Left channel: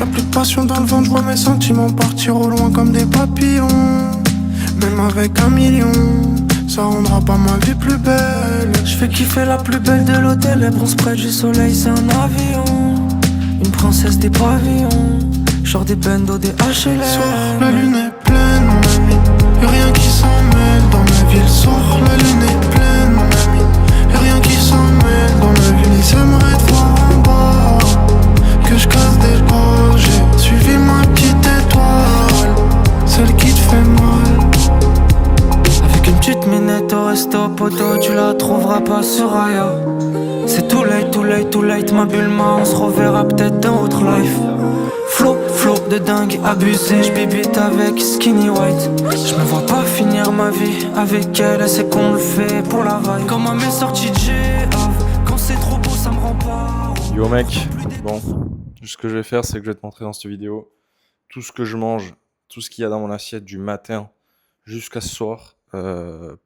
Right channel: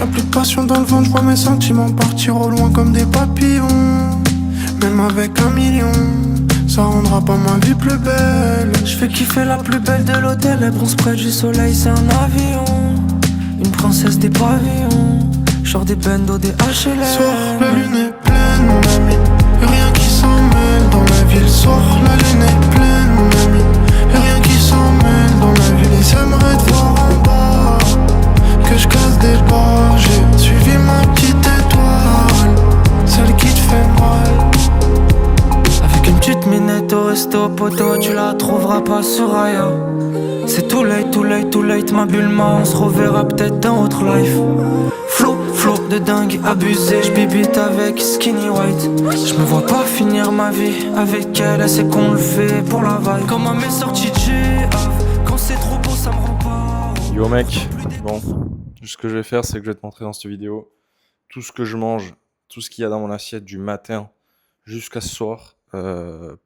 Y'a plus de passion dans le ventre, je vois mes sentiments partir au loin comme des papillons. Même avec 1 million, ça rendra pas ma vie plus belle. Je fais kiffer la plus belle de l'hôtel, elle bronze près du soleil, c'est un avion. Une princesse des pavillons, genre des bendos, des HLM. Soir, la lune est pleine, mon ami, y'a rien qui s'en mêle dans la ville. Soir, la lune est pleine, mon ami, y'a rien qui s'en mêle dans la ville. Ils aimeraient te voir en bas, que je casse des barres. J'ai suivi ma petite étoile, celle qui te fait mal. Avec une petite minette au resto, poto, tu la trouveras pas sur Aya. C'est too late, too late, too late, ma Bulma, on se reverra peut-être dans autre life. Flow de dingue, abusé, j'bibite avec Skinny White. Je me vois pas finir ma vie avec elle, c'est qu'on le fait pour la vibe. Comme à mes sorties de G-Av, quand c'est trop beau ça me rend pas. Yo mec, bon, ce que je vais faire c'est que je vais te montrer dans cette vidéo tout ce que je mange, tout ce qu'il y a dans mon assiette du matin jusqu'à ce soir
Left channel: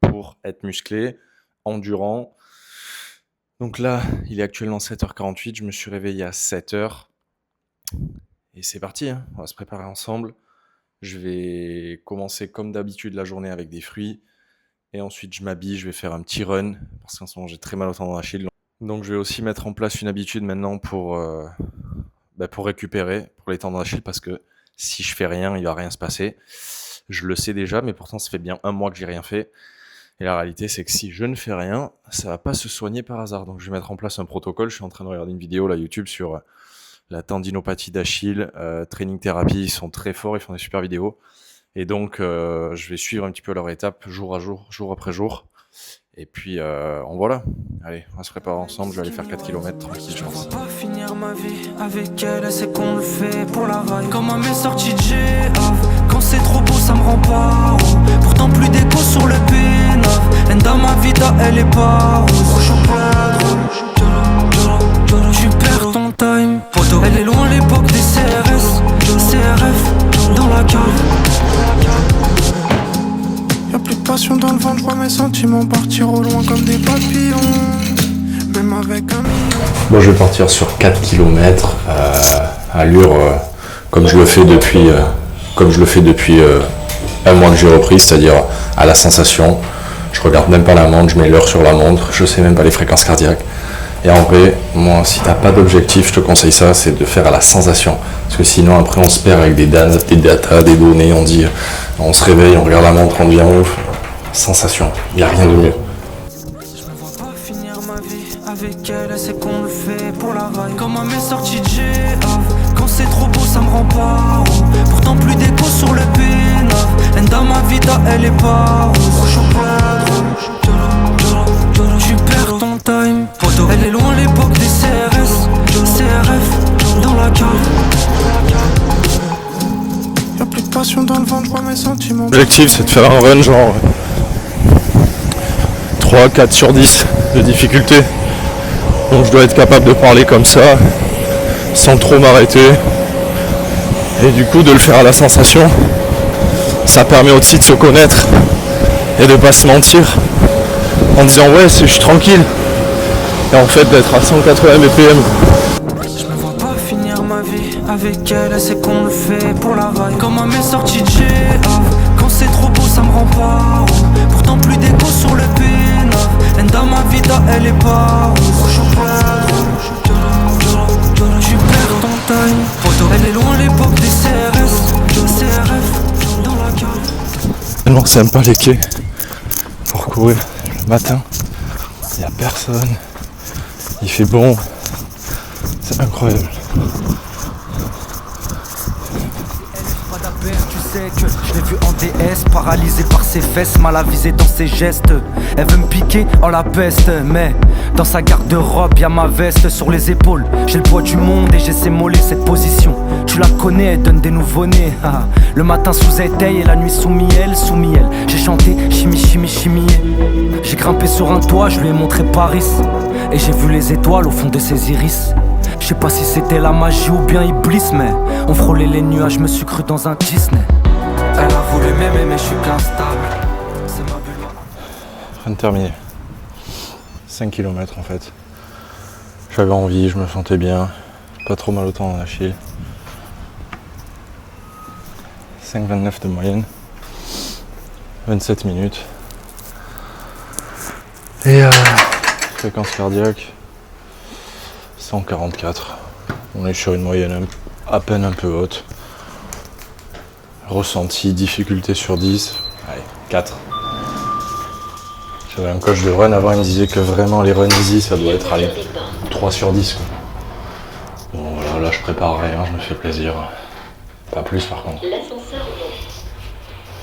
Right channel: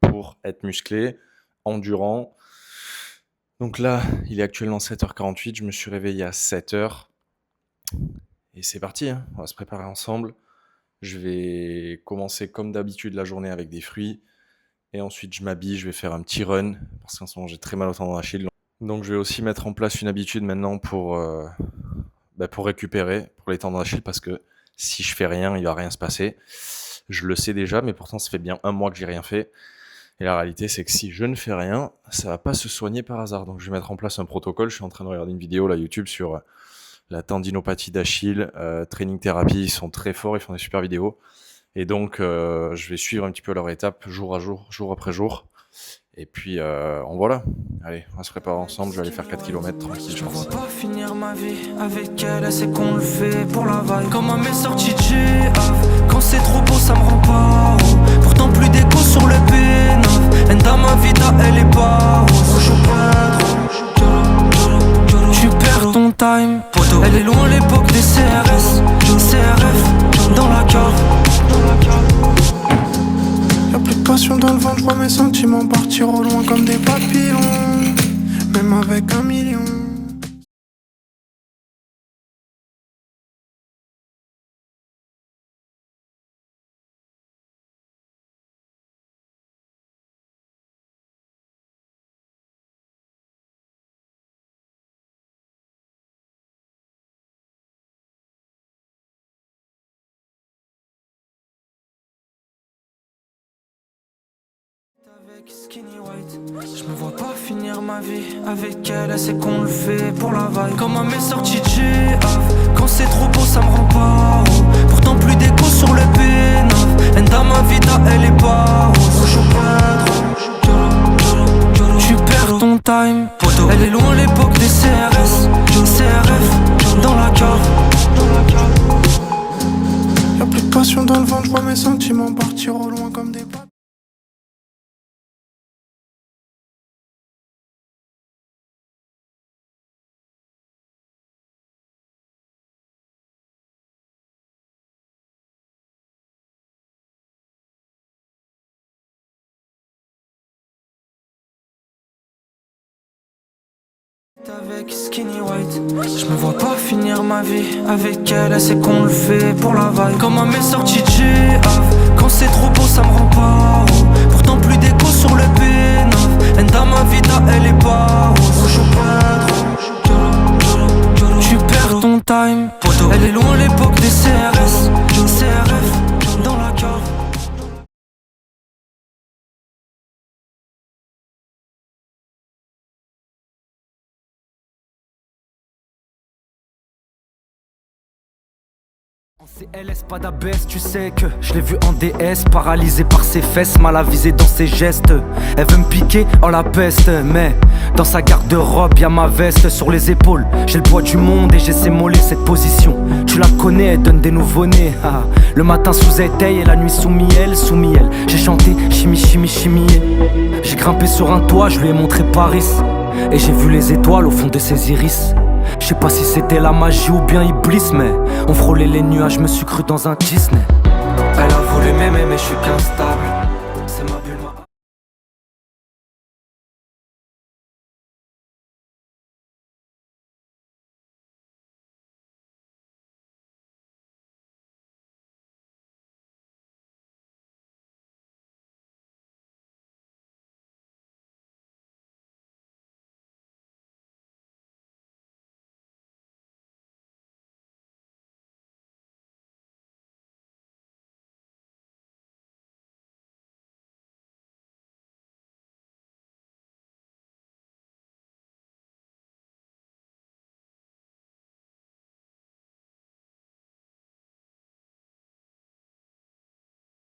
pour être musclé, endurant. Donc là, il est actuellement 7h48, je me suis réveillé à 7h. Et c'est parti, hein, on va se préparer ensemble. Je vais commencer comme d'habitude la journée avec des fruits. Et ensuite je m'habille, je vais faire un petit run. Parce qu'en ce moment j'ai très mal au tendon d'Achille. Donc je vais aussi mettre en place une habitude maintenant pour récupérer pour les tendons d'Achille. Parce que si je fais rien, il va rien se passer. Je le sais déjà, mais pourtant ça fait bien 1 mois que j'ai rien fait. Et la réalité c'est que si je ne fais rien, ça va pas se soigner par hasard. Donc je vais mettre en place un protocole. Je suis en train de regarder une vidéo là YouTube sur la tendinopathie d'Achille, training thérapie, ils sont très forts, ils font des super vidéos. Et donc, je vais suivre un petit peu leur étape, jour après jour. Et puis, voilà. Allez, on va se préparer ensemble, je vais aller faire 4 km tranquille, je pense. Je vois pas finir ma vie avec elle, c'est qu'on le fait pour la vibe. Comme à mes sorties de G-Av, quand c'est trop beau ça me rend pas haut. Pourtant plus d'écho sur le P9, Enda ma vita elle est pas rose. Je suis pas drôle. Tu perds ton time, poto. Elle est loin l'époque des CRS, CRF dans la cave. Y'a plus de passion dans le ventre, je vois mes sentiments partir au loin comme des papillons. Même avec 1 million. Moi je vais partir sur 4 km allure comme je le fais depuis 1 mois que j'ai repris, c'est-à-dire à la sensation. Je regarde même pas la montre, je mets l'heure sur la montre, je sais même pas les fréquences cardiaques. Et en vrai, moi, si t'as pas d'objectif, je te conseille ça, c'est de faire à la sensation. Parce que sinon, après, on se perd avec des datas, des données, on se réveille, on regarde la montre, on devient ouf. Sensation, y a rien de mieux. Je me vois pas finir ma vie avec elle, c'est qu'on le fait pour la vibe. Comme à mes sorties de G-Av, quand c'est trop beau ça me rend pas haut. Pourtant plus d'écho sur le P9, Enda ma vita elle est pas rose. Je suis pas drôle. Tu perds ton time, poto. Elle est loin l'époque des CRS, CRF dans la cave. Y'a plus de passion dans le ventre, je vois mes sentiments. L'objectif c'est de faire un run genre 3, 4 sur 10 de difficulté. Donc je dois être capable de parler comme ça, sans trop m'arrêter. Et du coup de le faire à la sensation, ça permet aussi de se connaître et de pas se mentir. En disant ouais je suis tranquille et en fait d'être à 180 BPM. Je me vois pas finir ma vie avec elle, c'est qu'on le fait pour la vibe. Comme à mes sorties de G-Av, quand c'est trop beau ça me rend pas haut. Pourtant plus d'écho sur le P9, Enda ma vita elle est pas rose. Je suis pas drôle. Tu perds ton time, poto. Elle est loin l'époque des CRS, CRF dans la cave. Tellement sympa les quais pour courir le matin, il n'y a personne, il fait bon, c'est incroyable. Pas d'abaisse, tu sais que je l'ai vu en DS, paralysé par ses fesses, mal avisé dans ses gestes. Elle veut me piquer en la peste, mais dans sa garde-robe y'a ma veste sur les épaules. J'ai le poids du monde et j'ai ses mollets, cette position. Tu la connais, elle donne des nouveau-nés. Le matin sous éteil et la nuit sous miel, sous miel. J'ai chanté chimie, chimie, chimie. J'ai grimpé sur un toit, je lui ai montré Paris. Et j'ai vu les étoiles au fond de ses iris. Je sais pas si c'était la magie ou bien Iblis, mais on frôlait les nuages, je me suis cru dans un Disney. Elle a voulu m'aimer mais je suis qu'instable. C'est ma bulle, Fin de terminer. 5 km en fait. J'avais envie, je me sentais bien. Pas trop mal au tendon d'Achille. 5,29 de moyenne. 27 minutes. Et fréquence cardiaque, 144. On est sur une moyenne à peine un peu haute. Ressenti, difficulté sur 10, allez, 4. J'avais un coach de run avant, il me disait que vraiment les runs easy, ça doit être allez, 3 sur 10. Quoi. Bon voilà, là je prépare rien, je me fais plaisir. Pas plus par contre.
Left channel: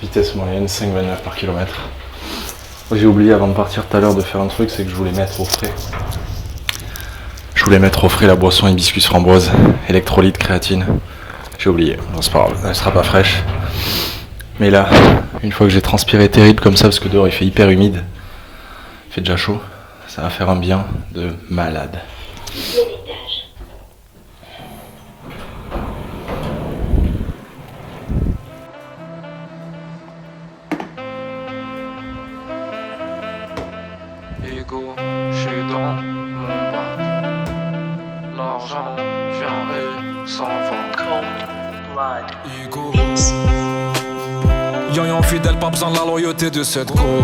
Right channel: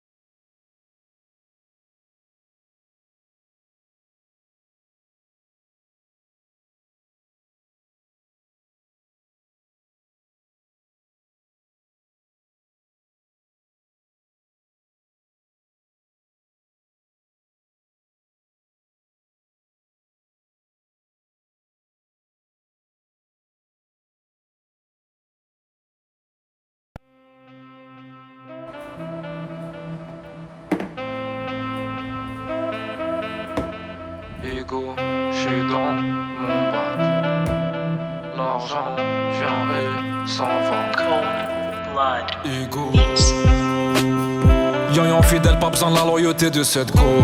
Vitesse moyenne, 5,29 par kilomètre. J'ai oublié avant de partir tout à l'heure de faire un truc, c'est que je voulais mettre au frais. Je voulais mettre au frais la boisson hibiscus framboise, électrolyte, créatine. J'ai oublié, non, c'est pas grave, elle sera pas fraîche. Mais là, une fois que j'ai transpiré terrible comme ça, parce que dehors il fait hyper humide, il fait déjà chaud, ça va faire un bien de malade. Ego, j'suis dans mon bac. L'argent vient et s'en va. Ego. Yoyon fidèle, pas besoin de la loyauté de cette go.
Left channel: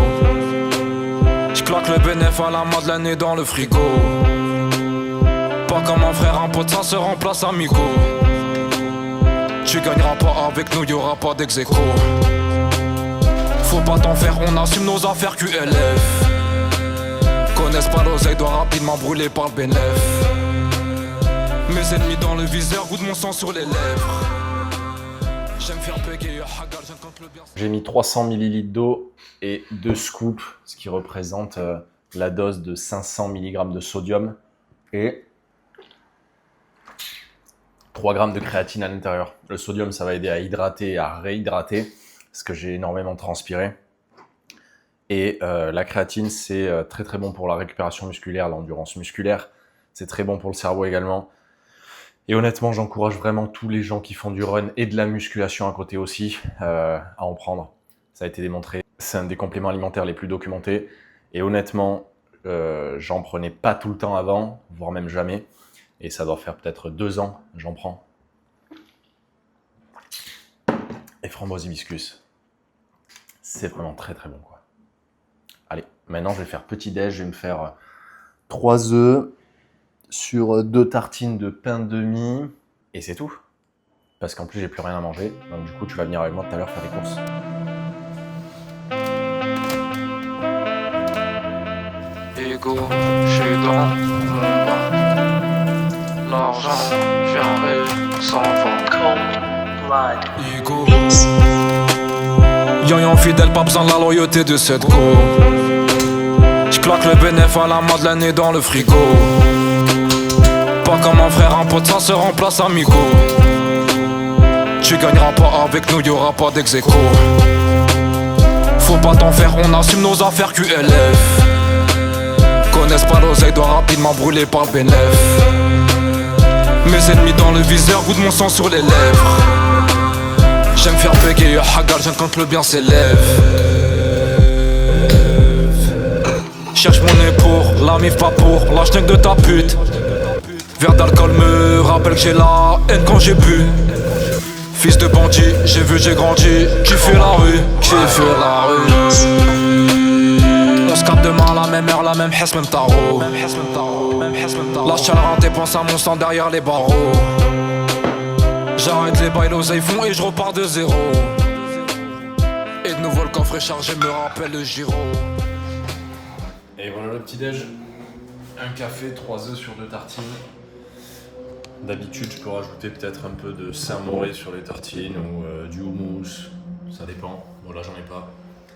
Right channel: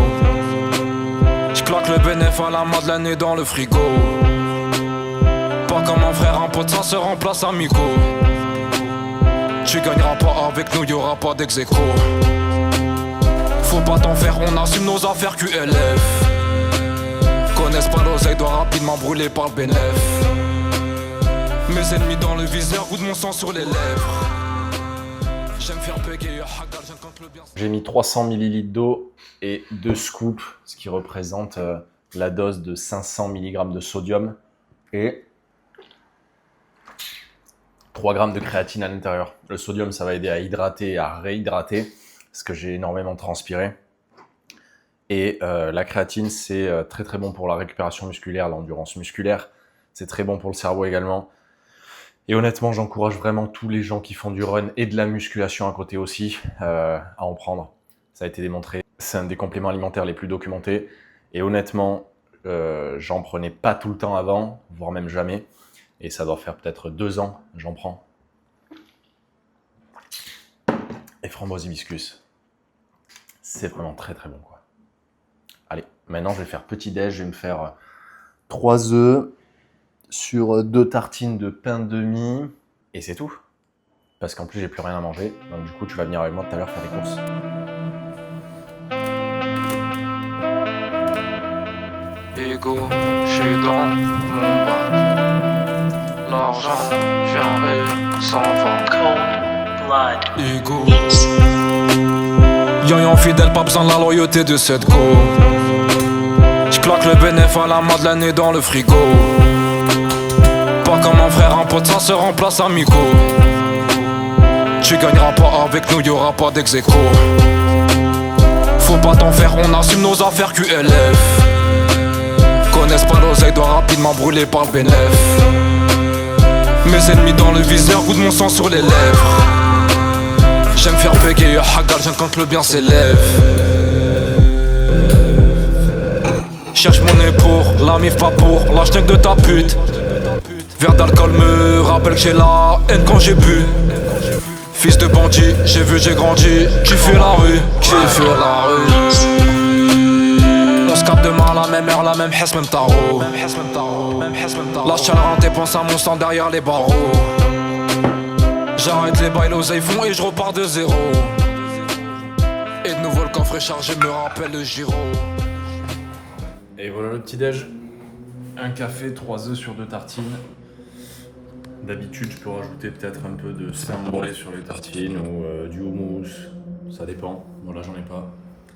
J'claque le bénéf à la Madeleine et dans le frigo. Pas comme un frère, un pote, ça se remplace amigo. Tu gagneras pas avec nous, y'aura pas d'ex-écho. Faut pas t'en faire, on assume nos affaires QLF. Connaissent pas l'oseille, doit rapidement brûler par le bénéf. Mes ennemis dans le viseur, goût de mon sang sur les lèvres. J'aime faire bégayer, hagal, j'aime quand le bien. J'ai mis 300 ml d'eau et 2 scoops, ce qui représente la dose de 500 mg de sodium et 3 g de créatine à l'intérieur. Le sodium, ça va aider à hydrater et à réhydrater, parce que j'ai énormément transpiré. Et la créatine, c'est très très bon pour la récupération musculaire, l'endurance musculaire. C'est très bon pour le cerveau également. Et honnêtement, j'encourage vraiment tous les gens qui font du run et de la musculation à côté aussi à en prendre. Ça a été démontré. C'est un des compléments alimentaires les plus documentés. Et honnêtement, j'en prenais pas tout le temps avant, voire même jamais. Et ça doit faire peut-être 2 ans, j'en prends. Et framboise hibiscus, c'est vraiment très très bon quoi. Allez, maintenant je vais faire petit déj, je vais me faire 3 œufs sur 2 tartines de pain de mie et c'est tout. Parce qu'en plus j'ai plus rien à manger, donc du coup tu vas venir avec moi tout à l'heure faire les courses. Ego, j'suis dans mon bac. L'argent vient et s'en va. Ego. Yoyon fidèle, pas besoin de la loyauté de cette go. J'claque le bénéf à la Madeleine et dans le frigo. Pas comme un frère, un pote, ça se remplace amigo. Tu gagneras pas avec nous, y'aura pas d'ex-écho. Faut pas t'en faire, on assume nos affaires QLF. Connaissent pas l'oseille, doit rapidement brûler par le bénéf. Mes ennemis dans le viseur, goût de mon sang sur les lèvres. J'aime faire bégayer, hagal, j'aime quand le bien s'élève. Cherche mon nez pour la mif, pas pour la schneck de ta pute. Verre d'alcool me rappelle que j'ai la haine quand j'ai bu. Fils de bandit, j'ai vu, j'ai grandi, kiffé la rue, kiffé la rue. On se capte demain à la même heure, la même hesse, même tarot. Lâche le renté, pense à mon sang derrière les barreaux. J'arrête les bails, l'oseille font et je repars de zéro. Et de nouveau le coffre est chargé, me rappelle le giro. Et voilà le petit déj. Un café, 3 œufs sur 2 tartines. D'habitude, je peux rajouter peut-être un peu de Saint-Moré sur les tartines ou du houmous. Ça dépend. Bon, là, j'en ai pas.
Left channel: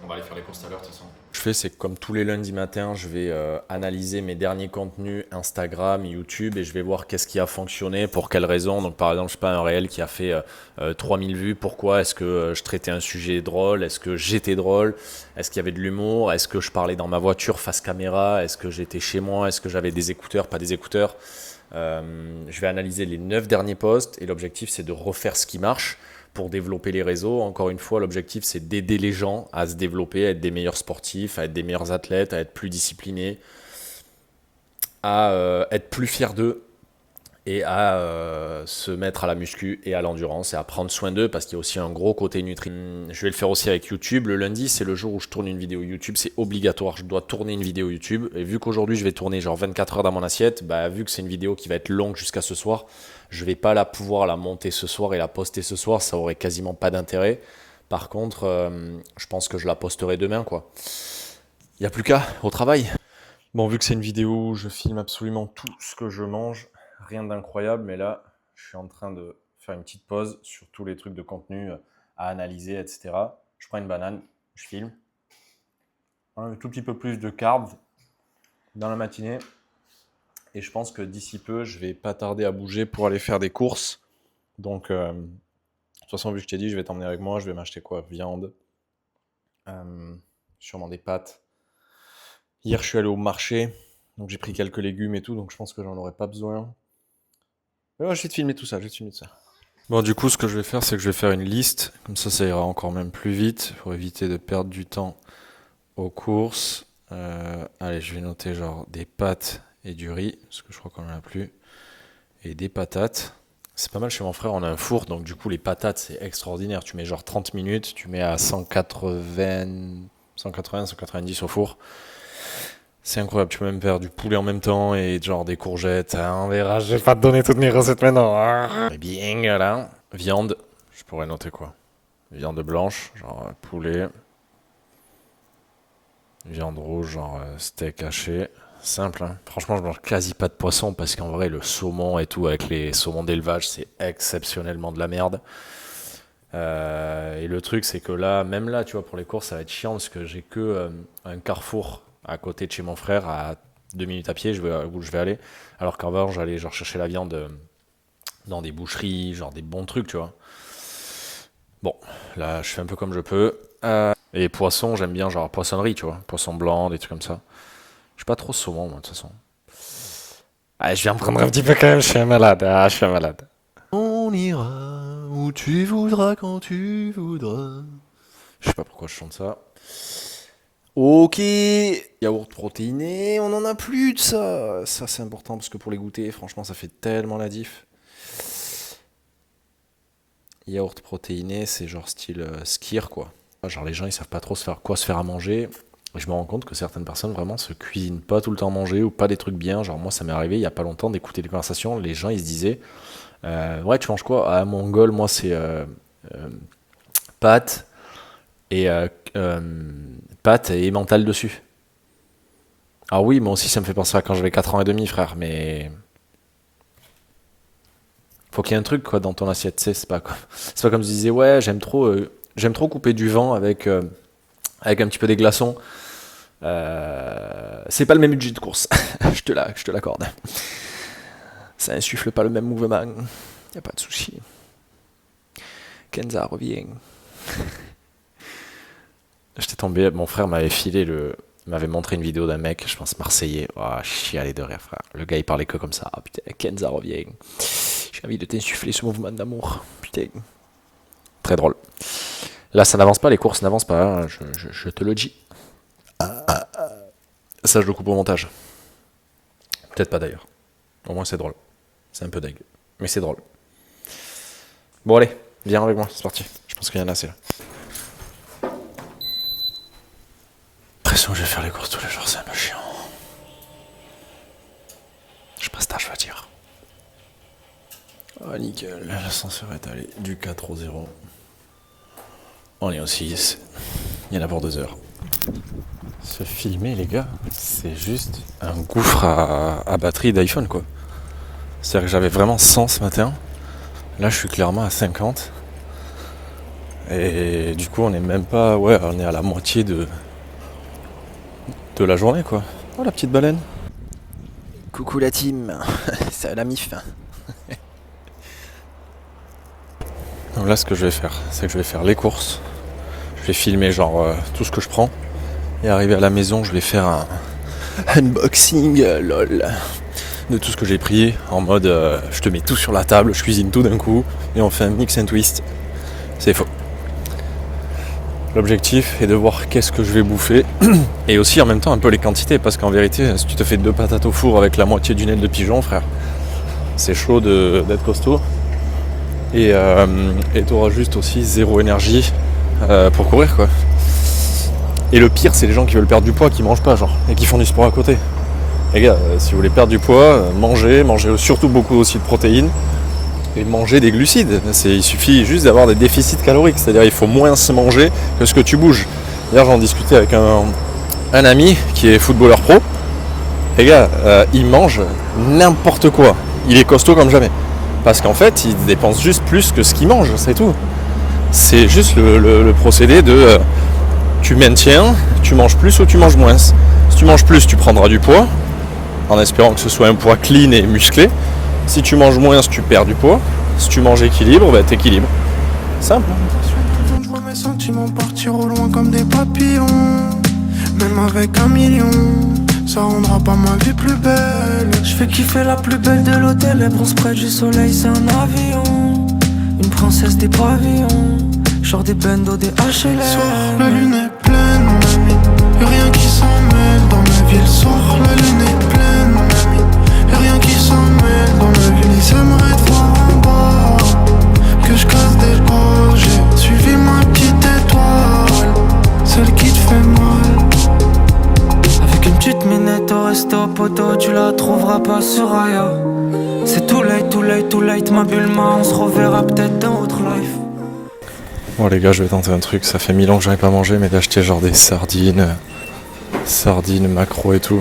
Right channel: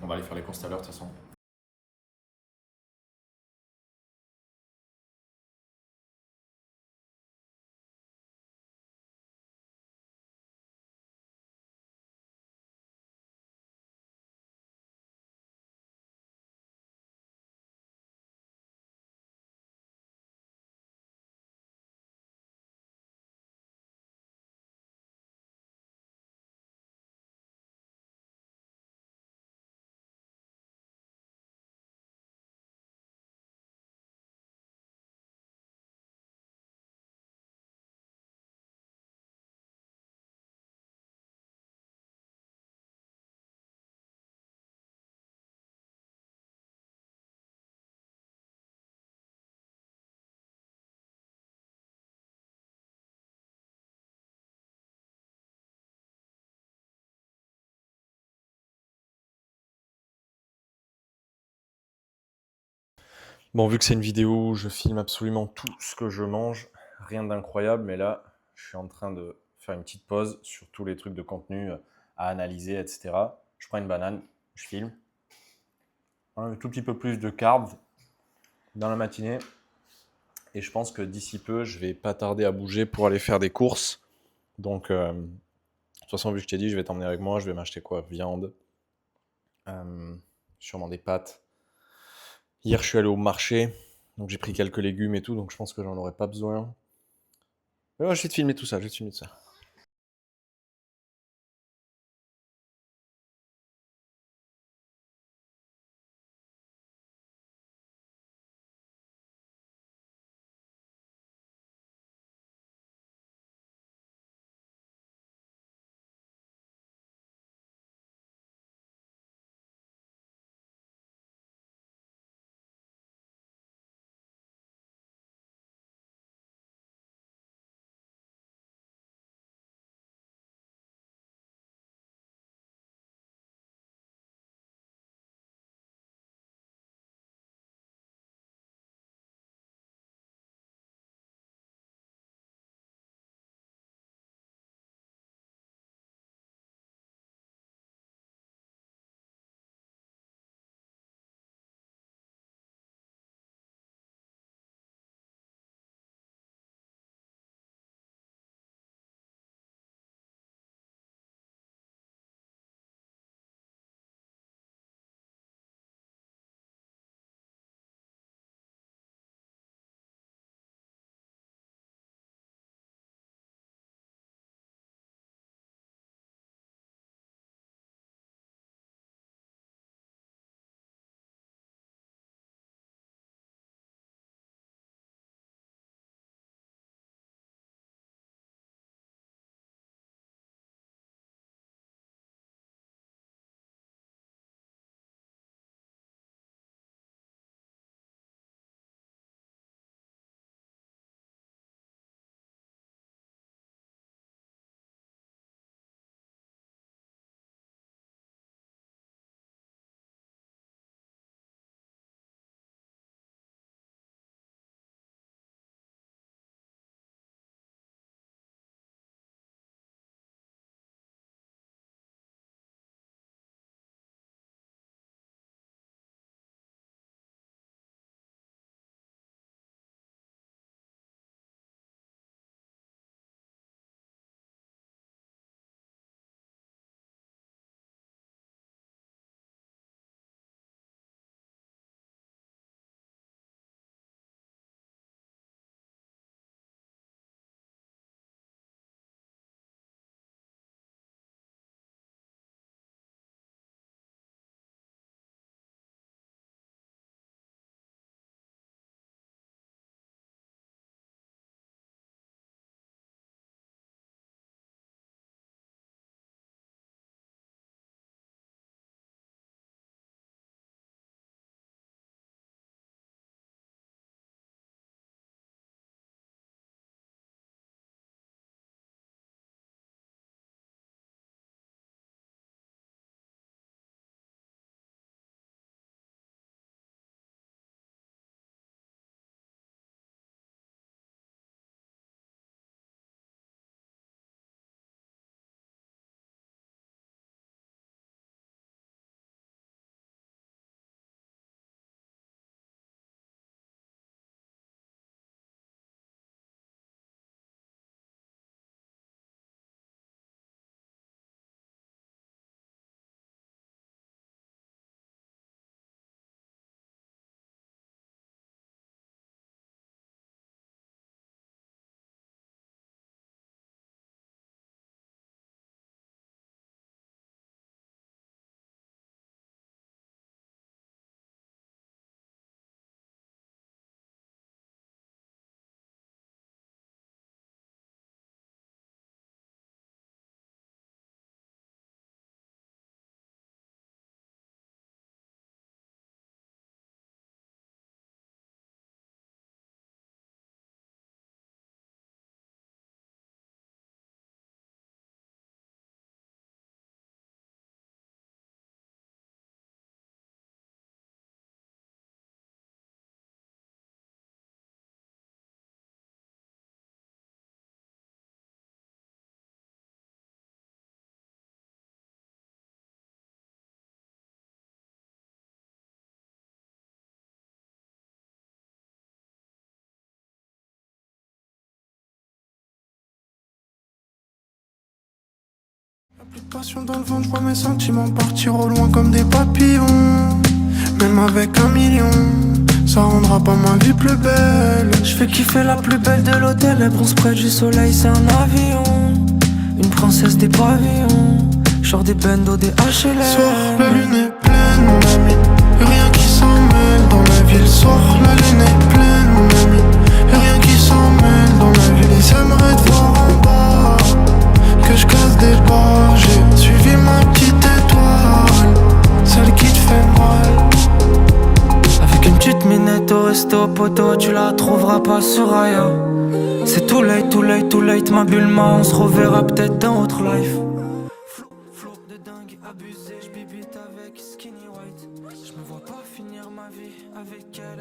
On va aller faire les courses tout à l'heure, de toute façon. Ce que je fais, c'est que comme tous les lundis matins, je vais analyser mes derniers contenus Instagram, YouTube et je vais voir qu'est-ce qui a fonctionné, pour quelles raisons. Donc, par exemple, je sais pas, un réel qui a fait 3000 vues. Pourquoi? Est-ce que je traitais un sujet drôle? Est-ce que j'étais drôle? Est-ce qu'il y avait de l'humour? Est-ce que je parlais dans ma voiture face caméra? Est-ce que j'étais chez moi? Est-ce que j'avais des écouteurs, pas des écouteurs? Je vais analyser les 9 derniers posts et l'objectif, c'est de refaire ce qui marche pour développer les réseaux. Encore une fois, l'objectif, c'est d'aider les gens à se développer, à être des meilleurs sportifs, à être des meilleurs athlètes, à être plus disciplinés, à être plus fiers d'eux et à se mettre à la muscu et à l'endurance et à prendre soin d'eux parce qu'il y a aussi un gros côté nutri. Je vais le faire aussi avec YouTube. Le lundi, c'est le jour où je tourne une vidéo YouTube. C'est obligatoire. Je dois tourner une vidéo YouTube. Et vu qu'aujourd'hui, je vais tourner genre 24 heures dans mon assiette, bah, vu que c'est une vidéo qui va être longue jusqu'à ce soir, je vais pas pouvoir la monter ce soir et la poster ce soir. Ça aurait quasiment pas d'intérêt. Par contre, je pense que je la posterai demain, quoi. Il n'y a plus qu'à, au travail. Bon, vu que c'est une vidéo où je filme absolument tout ce que je mange, rien d'incroyable, mais là, je suis en train de faire une petite pause sur tous les trucs de contenu à analyser, etc. Je prends une banane, je filme. Un tout petit peu plus de carbs dans la matinée. Et je pense que d'ici peu, je vais pas tarder à bouger pour aller faire des courses. Donc, de toute façon, vu que je t'ai dit, je vais t'emmener avec moi. Je vais m'acheter quoi? Viande, sûrement des pâtes. Hier, je suis allé au marché, donc j'ai pris quelques légumes et tout, donc je pense que j'en aurai pas besoin. Mais ouais, je vais te filmer tout ça, Bon, du coup, ce que je vais faire, c'est que je vais faire une liste, comme ça ira encore même plus vite, pour éviter de perdre du temps aux courses. Allez, je vais noter genre des pâtes et du riz, parce que je crois qu'on en a plus, et des patates. C'est pas mal chez mon frère, on a un four, donc du coup, les patates, c'est extraordinaire. Tu mets genre 30 minutes, tu mets à 190 au four. C'est incroyable, tu peux même faire du poulet en même temps et genre des courgettes. On verra, je vais pas te donner toutes mes recettes maintenant. Bien, là. Viande, je pourrais noter quoi? Viande blanche, genre poulet. Viande rouge, genre steak haché. Simple, hein. Franchement, je mange quasi pas de poisson parce qu'en vrai, le saumon et tout, avec les saumons d'élevage, c'est exceptionnellement de la merde. Et le truc, c'est que là, même là, tu vois, pour les courses, ça va être chiant parce que j'ai que un Carrefour à côté de chez mon frère, à 2 minutes à pied, où je vais aller. Alors qu'avant, j'allais genre chercher la viande dans des boucheries, genre des bons trucs, tu vois. Bon, là, je fais un peu comme je peux. Et poisson, j'aime bien genre poissonnerie, tu vois. Poisson blanc, des trucs comme ça. Je suis pas trop saumon, moi, de toute façon. Ah, je viens me prendre un petit peu quand même, je suis un malade. Ah, je suis un malade. On ira où tu voudras, quand tu voudras. Je sais pas pourquoi je chante ça. Ok, yaourt protéiné, on en a plus de ça. Ça, c'est important parce que pour les goûter, franchement, ça fait tellement la diff. Yaourt protéiné, c'est genre style skyr, quoi. Genre les gens, ils savent pas trop se faire à manger. Et je me rends compte que certaines personnes vraiment se cuisinent pas tout le temps à manger ou pas des trucs bien. Genre moi, ça m'est arrivé il y a pas longtemps d'écouter des conversations. Les gens, ils se disaient, ouais, tu manges quoi? À Mongol, moi, c'est pâtes et pâtes et mental dessus. Ah oui, moi aussi ça me fait penser à quand j'avais 4 ans et demi, frère, mais faut qu'il y ait un truc quoi dans ton assiette, tu sais, c'est pas comme je disais ouais, j'aime trop couper du vent avec un petit peu des glaçons. C'est pas le même budget de course, je te l'accorde. Ça insuffle pas le même mouvement, y a pas de souci. Kenza revient. J'étais tombé, mon frère m'avait montré une vidéo d'un mec, je pense marseillais. Oh, chialé de rire, frère. Le gars, il parlait que comme ça. Ah putain, Kenza revient. J'ai envie de t'insuffler ce mouvement d'amour. Putain. Très drôle. Là, ça n'avance pas, les courses n'avancent pas, hein, je te le dis. Ça, je le coupe au montage. Peut-être pas d'ailleurs. Au moins, c'est drôle. C'est un peu deg. Mais c'est drôle. Bon, allez, viens avec moi, c'est parti. Je pense qu'il y en a assez là. L'impression que je vais faire les courses tous les jours, c'est un peu chiant. Je passe tard, je veux dire. Ah, nickel, l'ascenseur est allé du 4 au 0. On est au 6. Il y en a pour 2 heures. Se filmer, les gars, c'est juste un gouffre à batterie d'iPhone, quoi. C'est-à-dire que j'avais vraiment 100 ce matin. Là, je suis clairement à 50. Et du coup, on est même pas... Ouais, on est à la moitié de la journée, quoi. Oh, la petite baleine. Coucou la team. C'est la mif. Donc là, ce que je vais faire, c'est que je vais faire les courses. Je vais filmer genre tout ce que je prends. Et arrivé à la maison, je vais faire un unboxing, lol, de tout ce que j'ai pris. En mode, je te mets tout sur la table, je cuisine tout d'un coup. Et on fait un mix and twist. C'est faux. L'objectif est de voir qu'est-ce que je vais bouffer et aussi en même temps un peu les quantités parce qu'en vérité si tu te fais 2 patates au four avec la moitié d'une aile de pigeon, frère, c'est chaud d'être costaud. Et t'auras juste aussi zéro énergie pour courir, quoi. Et le pire, c'est les gens qui veulent perdre du poids, qui mangent pas, genre, et qui font du sport à côté. Les gars, si vous voulez perdre du poids, mangez surtout beaucoup aussi de protéines, et mangez des glucides. Il suffit juste d'avoir des déficits caloriques, c'est-à-dire il faut moins se manger que ce que tu bouges. D'ailleurs, j'en discutais avec un ami qui est footballeur pro. Les gars, il mange n'importe quoi. Il est costaud comme jamais. Parce qu'en fait, il dépense juste plus que ce qu'il mange, c'est tout. C'est juste le procédé de tu maintiens, tu manges plus ou tu manges moins. Si tu manges plus, tu prendras du poids, en espérant que ce soit un poids clean et musclé. Si tu manges moins, tu perds du poids. Si tu manges équilibre, bah t'équilibres. Simple. Passion dans le ventre, je vois mes sentiments partir au loin comme des papillons. Même avec 1 million, ça rendra pas ma vie plus belle. Je fais kiffer la plus belle de l'hôtel, elle bronze près du soleil, c'est un avion. Une princesse des pavillons, genre des bendos, des HLM. Soir, la lune est pleine, mon ami. Y'a rien qui s'en mêle dans la ville. Soir, la lune est pleine, mon ami. Y'a rien qui s'en mêle dans la ville. Ils aimeraient te voir en bas, que je casse des bras. J'ai suivi ma petite étoile, celle qui te fait mal. Avec une petite minette au resto poto, tu la trouveras pas sur Aya. C'est too late, ma Bulma, on se reverra peut-être dans autre life. Bon les gars, je vais tenter un truc, ça fait 1000 ans que j'en ai pas mangé, mais d'acheter genre des sardines, maquereaux et tout.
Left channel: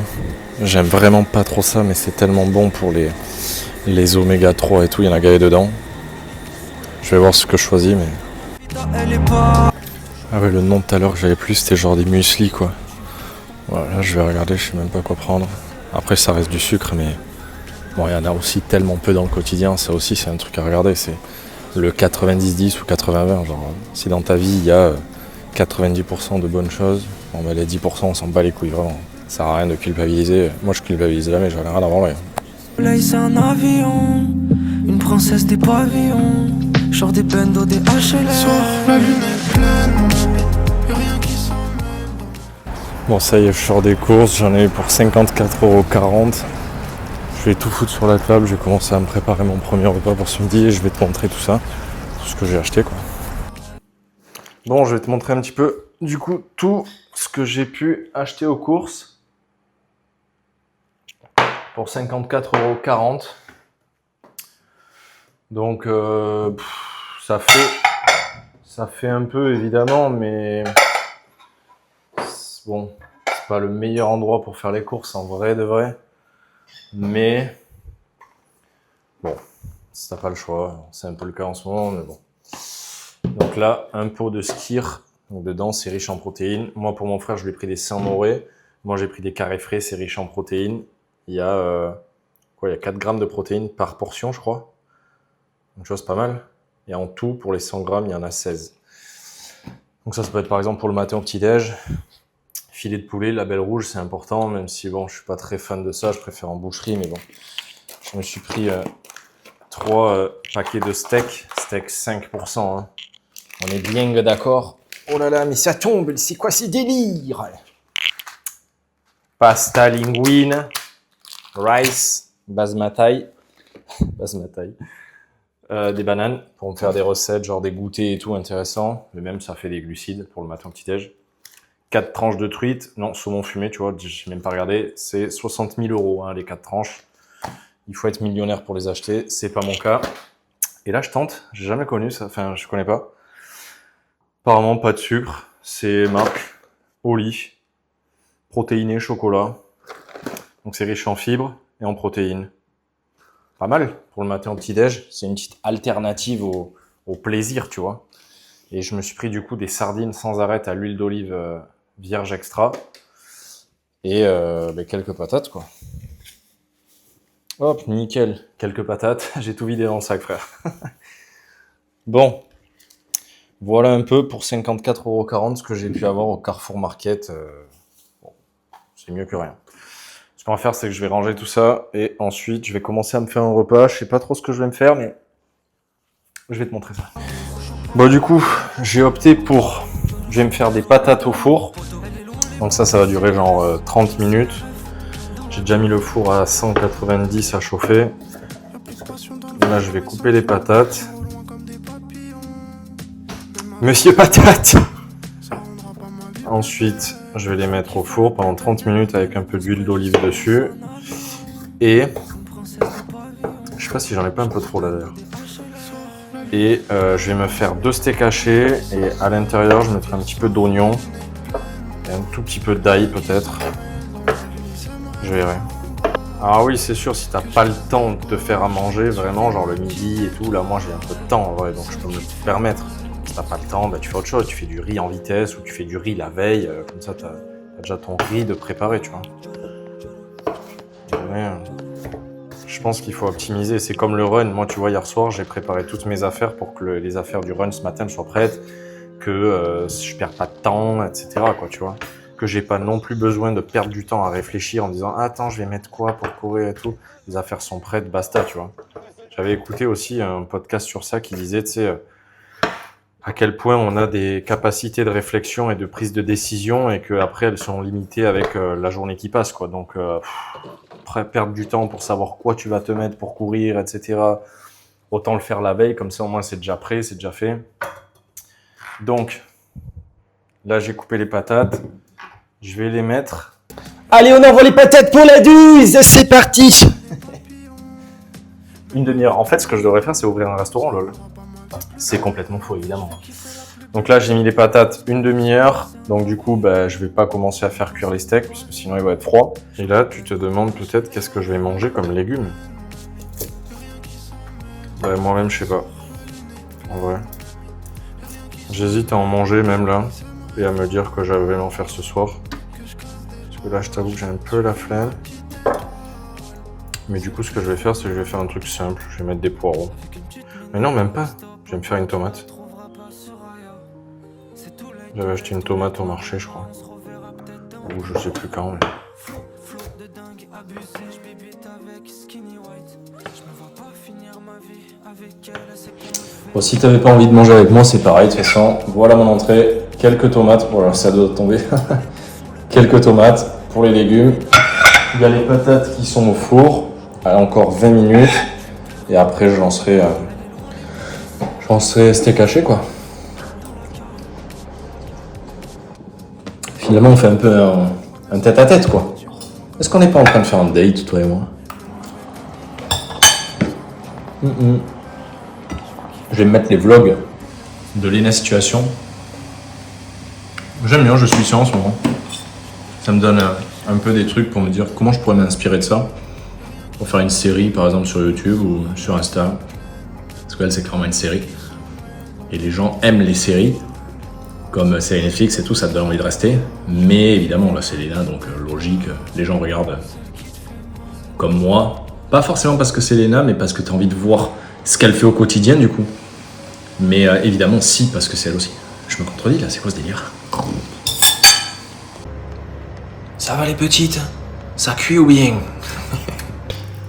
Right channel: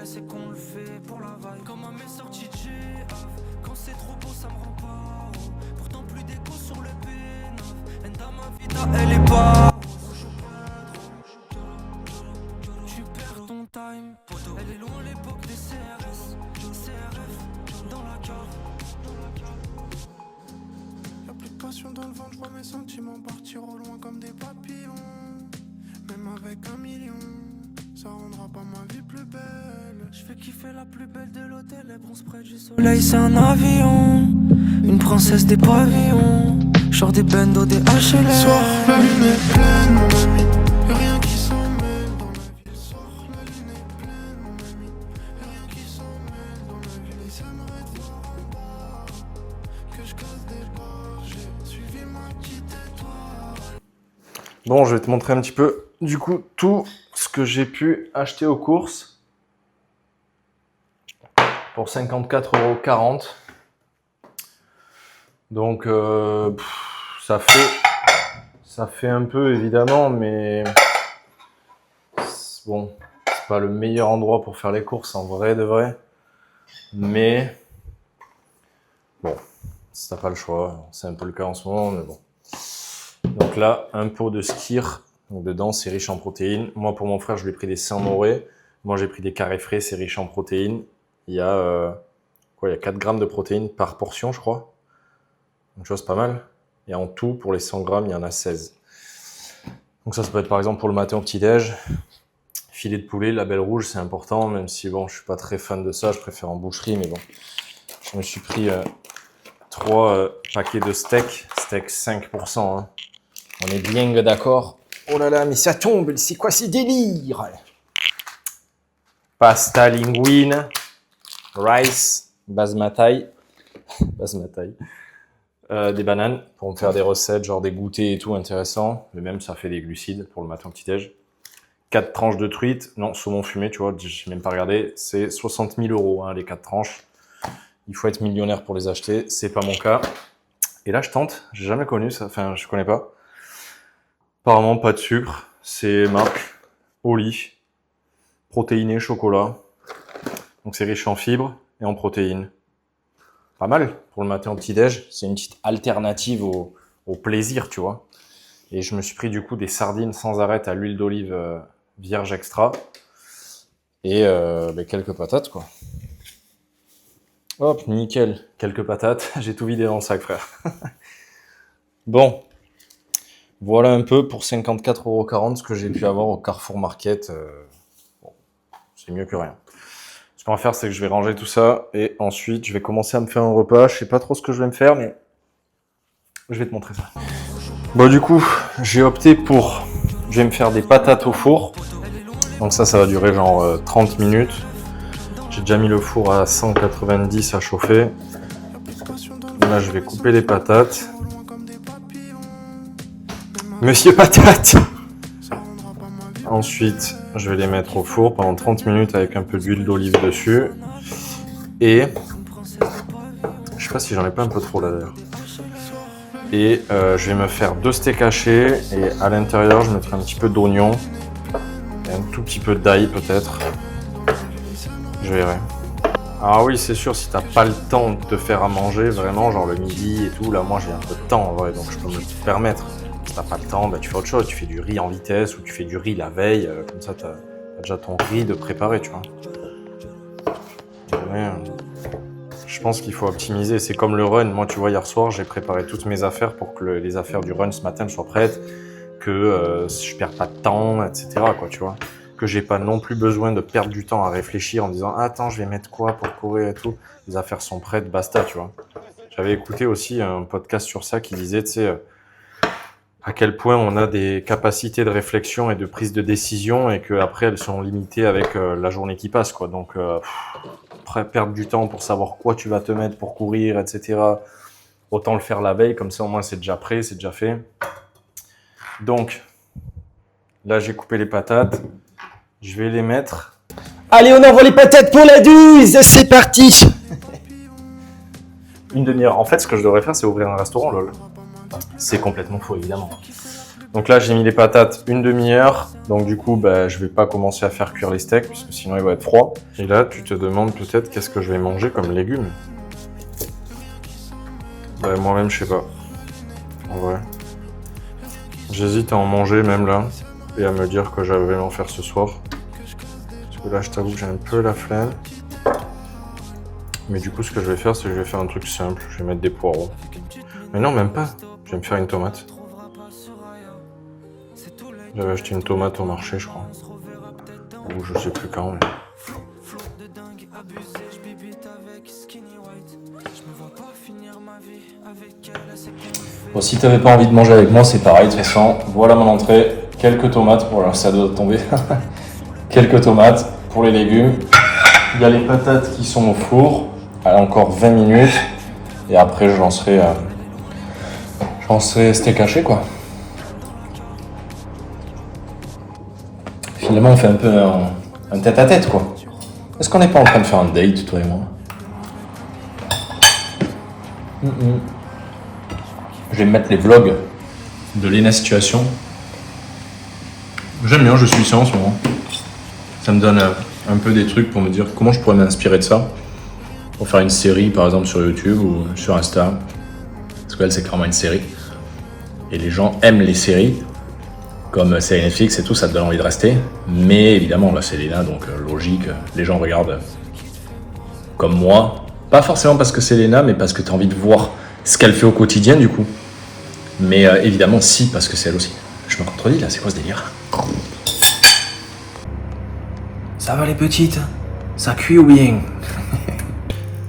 J'aime vraiment pas trop ça, mais c'est tellement bon pour les oméga 3 et tout, il y en a gavé dedans. Je vais voir ce que je choisis, mais... Ah ouais, le nom de tout à l'heure que j'avais plus, c'était genre des muesli, quoi. Voilà, là je vais regarder, je sais même pas quoi prendre. Après ça reste du sucre, mais... Bon, il y en a aussi tellement peu dans le quotidien, ça aussi c'est un truc à regarder, c'est le 90-10 ou 80-20, genre si dans ta vie il y a 90% de bonnes choses, bon bah les 10% on s'en bat les couilles vraiment. Ça sert à rien de culpabiliser, moi je culpabilise jamais, j'en ai rien à branler. Là c'est un avion, une princesse des pavillons, genre des bendos, des HLM. Soir, la lune est pleine, mon ami. Y'a rien qui s'en mêle dans la... Bon ça y est, je sors des courses, j'en ai eu pour 54,40 €. Je vais tout foutre sur la table, je vais commencer à me préparer mon premier repas pour ce midi et je vais te montrer tout ça, tout ce que j'ai acheté, quoi. Bon, je vais te montrer un petit peu, du coup, tout ce que j'ai pu acheter aux courses pour 54,40 €. Donc, ça fait un peu, évidemment, mais bon, c'est pas le meilleur endroit pour faire les courses, en vrai de vrai. Mais bon, si t'as pas le choix, c'est un peu le cas en ce moment, mais bon. Donc là, un pot de skyr, donc dedans c'est riche en protéines. Moi pour mon frère, je lui ai pris des Saint-Moré. Moi j'ai pris des carrés frais, c'est riche en protéines. Il y a il y a 4 grammes de protéines par portion, je crois. Donc tu vois, c'est pas mal. Et en tout, pour les 100 grammes, il y en a 16. Donc ça peut être par exemple pour le matin au petit-déj. Filet de poulet, label rouge, c'est important, même si bon, je suis pas très fan de ça, je préfère en boucherie, mais bon. Je me suis pris 3 paquets de steak 5%. Hein. On est bien d'accord. Oh là là, mais ça tombe, c'est quoi ces délires? Pasta linguine, rice, basmati, des bananes pour me faire des recettes, genre des goûters et tout intéressant. Mais même ça fait des glucides pour le matin au petit-déj. 4 tranches de truite, non, saumon fumé, tu vois, j'ai même pas regardé, c'est 60 000 €, hein, les 4 tranches. Il faut être millionnaire pour les acheter, c'est pas mon cas. Et là, je tente, j'ai jamais connu ça, enfin, je connais pas. Apparemment, pas de sucre, c'est marque Oli, protéiné chocolat. Donc c'est riche en fibres et en protéines. Pas mal pour le matin au petit-déj, c'est une petite alternative au plaisir, tu vois. Et je me suis pris du coup des sardines sans arrêt à l'huile d'olive vierge extra et quelques patates, quoi. Hop, nickel, quelques patates, j'ai tout vidé dans le sac, frère. Bon, voilà un peu pour 54,40 € ce que j'ai pu avoir au Carrefour Market. Bon, c'est mieux que rien. Ce qu'on va faire, c'est que je vais ranger tout ça et ensuite je vais commencer à me faire un repas. Je sais pas trop ce que je vais me faire, mais je vais te montrer ça. Bon, du coup, j'ai opté pour... Je vais me faire des patates au four. Donc ça va durer genre 30 minutes. J'ai déjà mis le four à 190 à chauffer. Là, je vais couper les patates. Monsieur Patate! Ensuite, je vais les mettre au four pendant 30 minutes avec un peu d'huile d'olive dessus. Et je sais pas si j'en ai pas un peu trop là d'ailleurs. Et je vais me faire 2 steaks hachés et à l'intérieur, je mettrai un petit peu d'oignon et un tout petit peu d'ail peut-être. Je verrai. Ah oui, c'est sûr, si t'as pas le temps de te faire à manger, vraiment, genre le midi et tout, là, moi j'ai un peu de temps en vrai, donc je peux me le permettre. Si t'as pas le temps, bah, tu fais autre chose, tu fais du riz en vitesse ou tu fais du riz la veille, comme ça t'as déjà ton riz de préparer, tu vois. Mais, je pense qu'il faut optimiser, c'est comme le run. Moi, tu vois, hier soir, j'ai préparé toutes mes affaires pour que les affaires du run ce matin soient prêtes, que je perds pas de temps, etc., quoi, tu vois. Que j'ai pas non plus besoin de perdre du temps à réfléchir en me disant « Attends, je vais mettre quoi pour courir et tout ?» Les affaires sont prêtes, basta, tu vois. J'avais écouté aussi un podcast sur ça qui disait, tu sais, à quel point on a des capacités de réflexion et de prise de décision et qu'après, elles sont limitées avec la journée qui passe, quoi. Donc, perdre du temps pour savoir quoi tu vas te mettre pour courir, etc. Autant le faire la veille, comme ça au moins c'est déjà prêt, c'est déjà fait. Donc, là j'ai coupé les patates. Je vais les mettre. Allez, on envoie les patates pour la 12, c'est parti. Une demi-heure. En fait, ce que je devrais faire, c'est ouvrir un restaurant, lol. C'est complètement faux, évidemment. Donc là, j'ai mis les patates une demi-heure. Donc du coup, bah, je vais pas commencer à faire cuire les steaks, parce que sinon ils vont être froids. Et là, tu te demandes peut-être qu'est-ce que je vais manger comme légumes. Bah, moi-même, je sais pas. En vrai. J'hésite à en manger même là. Et à me dire que j'avais en faire ce soir. Parce que là, je t'avoue que j'ai un peu la flemme. Mais du coup, ce que je vais faire, c'est que je vais faire un truc simple. Je vais mettre des poireaux. Mais non, même pas. Je vais me faire une tomate. J'avais acheté une tomate au marché, je crois. Ou je sais plus quand. Mais... Bon, si t'avais pas envie de manger avec moi, c'est pareil. De toute façon, voilà mon entrée. Quelques tomates. Voilà, ça doit tomber. Quelques tomates pour les légumes. Il y a les patates qui sont au four. Allez, encore 20 minutes. Et après, je lancerai steak haché, quoi. Finalement, on fait un peu un tête-à-tête, quoi. Est-ce qu'on n'est pas en train de faire un date, toi et moi? Je vais me mettre les vlogs de Lena Situation. J'aime bien, je suis ça en ce moment. Ça me donne un peu des trucs pour me dire comment je pourrais m'inspirer de ça. Pour faire une série, par exemple, sur YouTube ou sur Insta. Parce qu'elle, c'est clairement une série. Et les gens aiment les séries. Comme c'est Netflix et tout, ça te donne envie de rester. Mais évidemment, là, c'est Lena, donc logique. Les gens regardent comme moi. Pas forcément parce que c'est Lena, mais parce que tu as envie de voir ce qu'elle fait au quotidien, du coup. Mais évidemment, si, parce que c'est elle aussi. Je me contredis, là, c'est quoi ce délire? Ça va les petites? Ça cuit ou bien?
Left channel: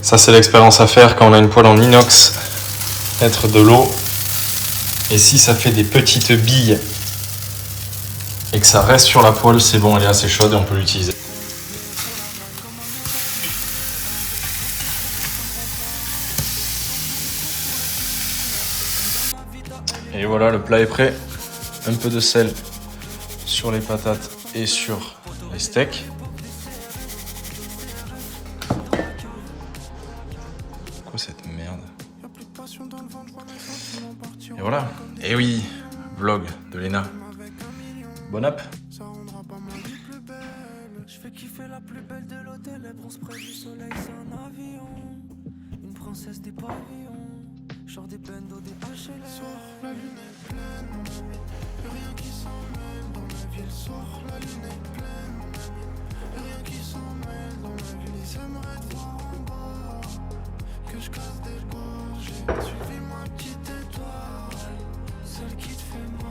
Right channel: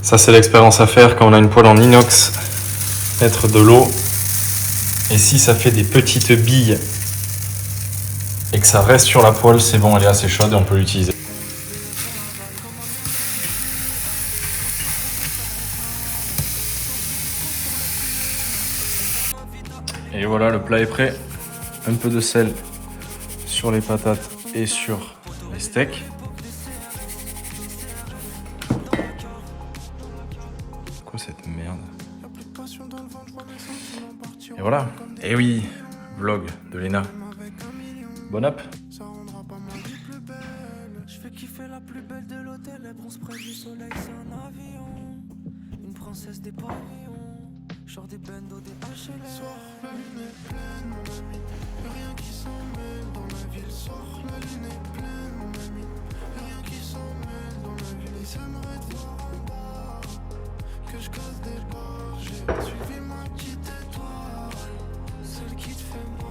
Ça, c'est l'expérience à faire quand on a une poêle en inox. Mettre de l'eau. Et si ça fait des petites billes et que ça reste sur la poêle, c'est bon, elle est assez chaude et on peut l'utiliser. Et voilà, le plat est prêt. Un peu de sel sur les patates et sur les steaks. Quoi cette merde? Et voilà. Et oui, vlog de Lena. Bon app. Je fais kiffer la plus belle de l'hôtel, elle bronze près du soleil, c'est un avion. Une princesse des pavillons, genre des bendos, des HLM. La lune est pleine, mon ami, y'a rien qui s'en mêle dans la ville. Sors, la lune est pleine, mon ami, y'a rien qui s'en mêle dans la ville. Ils aimeraient te voir en bas, que je casse des gorges. J'ai suivi ma petite étoile, celle qui te fait mal.